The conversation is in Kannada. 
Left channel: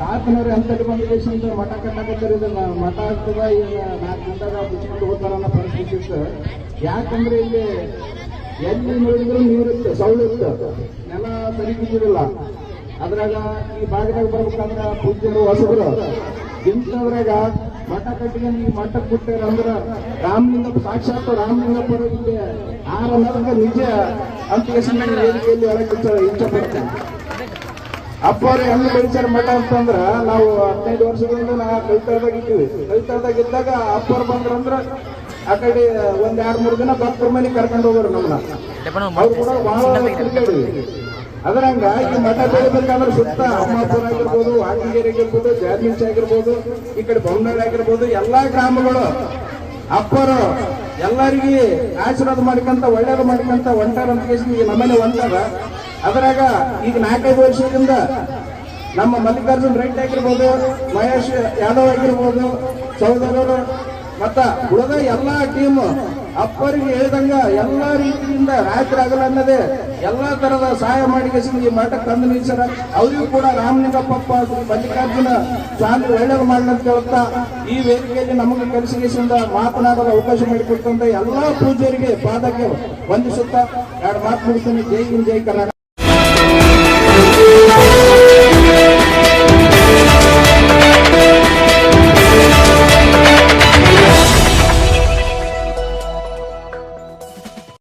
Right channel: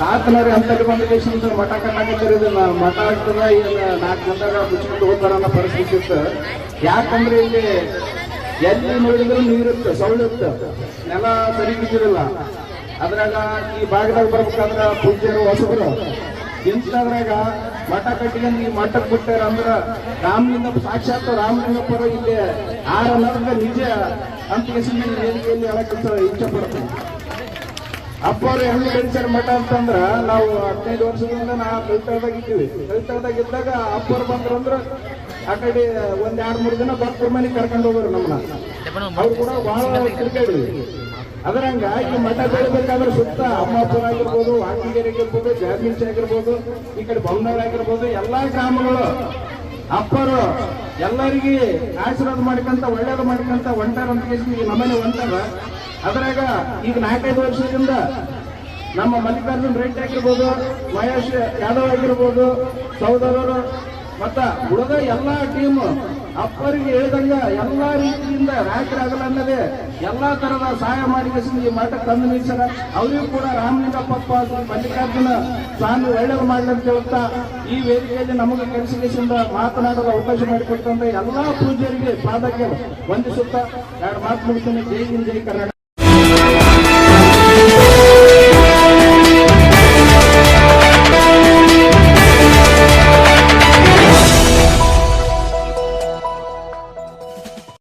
ತಾತನವ್ರಿ ಅಂತ ಇಟ್ಕೊಂಡು ಮಠ ಕಟ್ಟಾಕತ್ತೀರಿ, ಇದನ್ನ ಮಠ ಆಗ್ತದ ಇದನ್ನ 4 ದಿನದಾಗ ಮುಚ್ಚಿಕೊಂಡು ಹೋಗ್ತಾರ ಅನ್ನೋ ಪರಿಸ್ಥಿತಿ ಇತ್ತು. ಯಾಕಂದ್ರೆ ಇಲ್ಲಿ ಎಲ್ಲಿ ನೋಡಿದ್ರು ನೀರಿತ್ತು, ಸೌಳಿತ್ತು, ನೆಲ ಸರಿ ಬಿದ್ದಿರಲ್ಲ. ಅದ್ರಾಗ ಈ ಭಾಗದಾಗ ಬರ್ಬೇಕಂದ್ರ ಪೂಜ್ಯರು ಹೊಸಬರು ಇಂಥದ್ರಾಗ ಮಠ ಕಟ್ಟಿಗೆ ಈ ಮಠಕ್ಕೆ ಬಿಟ್ಟಾರ ಅಂದ್ರ ರಾಮಲಿಂಗ ಸಾಕ್ಷಾತ್ ರಾಮಲಿಂಗಪುರ ಇಲ್ಲಿ ಅನ್ನೋದ್ರಿಂದ ನಿಜ ಅಂತ ವೇದಿಕೆಯಲ್ಲಿ ಹೇಳಕ್ ಇಷ್ಟಪಡ್ತೇನೆ. ಅಪ್ಪ ಅವ್ರು ಹೆಂಗ್ ಬೆಳೆಸಾರ ಮಠ ಅಂತಂದ್ರ ನಾವು 15 ವರ್ಷಗಳಿಂದ ನಾವು ಕೈತಳದಾಗ ಇದ್ದೀವಿ. ಕೈತಳದಾಗ ಇದ್ದಾಗ ಅಪ್ಪವ್ರು ಬಂದ್ರಂದ್ರ ಆ ಕಡೆ 1-2-3 ದಿನ ಭಕ್ತರ ಮನೆ ಕರ್ಕೊಂಡು ಹೋಗೋರು ನಮ್ಮ. ಅವ್ರು ಕೂಡ ಬಹಳ ತಿರುಗಾಡಿ. ಅದರಂಗ ಈ ಮಠ ಬೆಳಿಬೇಕಂದ್ರೆ ಸುತ್ತ ಅಮ್ಮಾಪುರ ಆಗಿರ್ಬೋದು, ಹಾಕಿಗೇರಿ ಆಗಿರ್ಬೋದು, ಜಾರ್ಮಿನ್ಸ್ ಆಗಿರ್ಬೋದು, ಈ ಕಡೆ ಬೊಮ್ಮನೂರ್ ಆಗಿರ್ಬೋದು, ಎಲ್ಲಾ ಗ್ರಾಮಗಳು ಅಪ್ಪರು ಎಲ್ಲರಿಗೆ ಆಶೀರ್ವಾದ ಮಾಡ್ಕೊಂತ ಒಳ್ಳೇದು ಮಾಡ್ಕೊಂತ ಹೊಂಟಾರ ಅಂತ ಈ ನಮ್ಮನೆ ಹೊಂಟಾರ. ಅದರಾಗ ಈಗ 4-5 ವರ್ಷದಿಂದ ನಮ್ಮ ಮಲ್ಲಿಕಾರ್ಜುನ್ ರೆಡ್ಡಿ ಆಗಿರ್ಬೋದು, ಮಹೇಶ್ ಯಾದವ್ ಆಗಿರ್ಬೋದು, ಸಹೋದರರು ಮತ್ತ ಉಳಿದ ಎಲ್ಲಾ ಟೀಮ್ ಅಪ್ಪರಿಗೆ ಹೇಳಿದಂಗ ಎಲ್ಲಾ ರೀತಿಯಿಂದ ರಾತ್ರಿ ಆಗಲ್ಲ ಅನ್ನೋದೇ ಎಲ್ಲಾ ತರದ ಸಹಾಯ ಮಾಡಿ ಈ ಮಠಕ್ಕೆ ತಂದು ನಿಲ್ಸಾರ. ಅವರಿಗೂ ಕೂಡ ರಾಮಲಿಂಗಪ್ಪ ಮಲ್ಲಿಕಾರ್ಜುನ ಸ್ವಾಮಿ ಒಳ್ಳೇದು ಮಾಡಲಿ ಅಂತ ಹೇಳ್ತಾ ಈ ವೇದಿಕೆಯಲ್ಲಿ ನಮಗೆ ಕೆಲಸದಿಂದ ಮಾತನಾಡಲು ಅವಕಾಶ ಮಾಡಿಕೊಟ್ಟಂತ ಎಲ್ಲಾ ಪೂಜ್ಯರಿಗೆ ಪಾದಕ್ಕೆ ವಂದಿಸುತ್ತಾ 2 ಮಾತು ಮುಗಿಸ್ತೀನಿ. ಜೈ ಹಿಂದ್, ಜೈ ಕರ್ನಾಟಕ.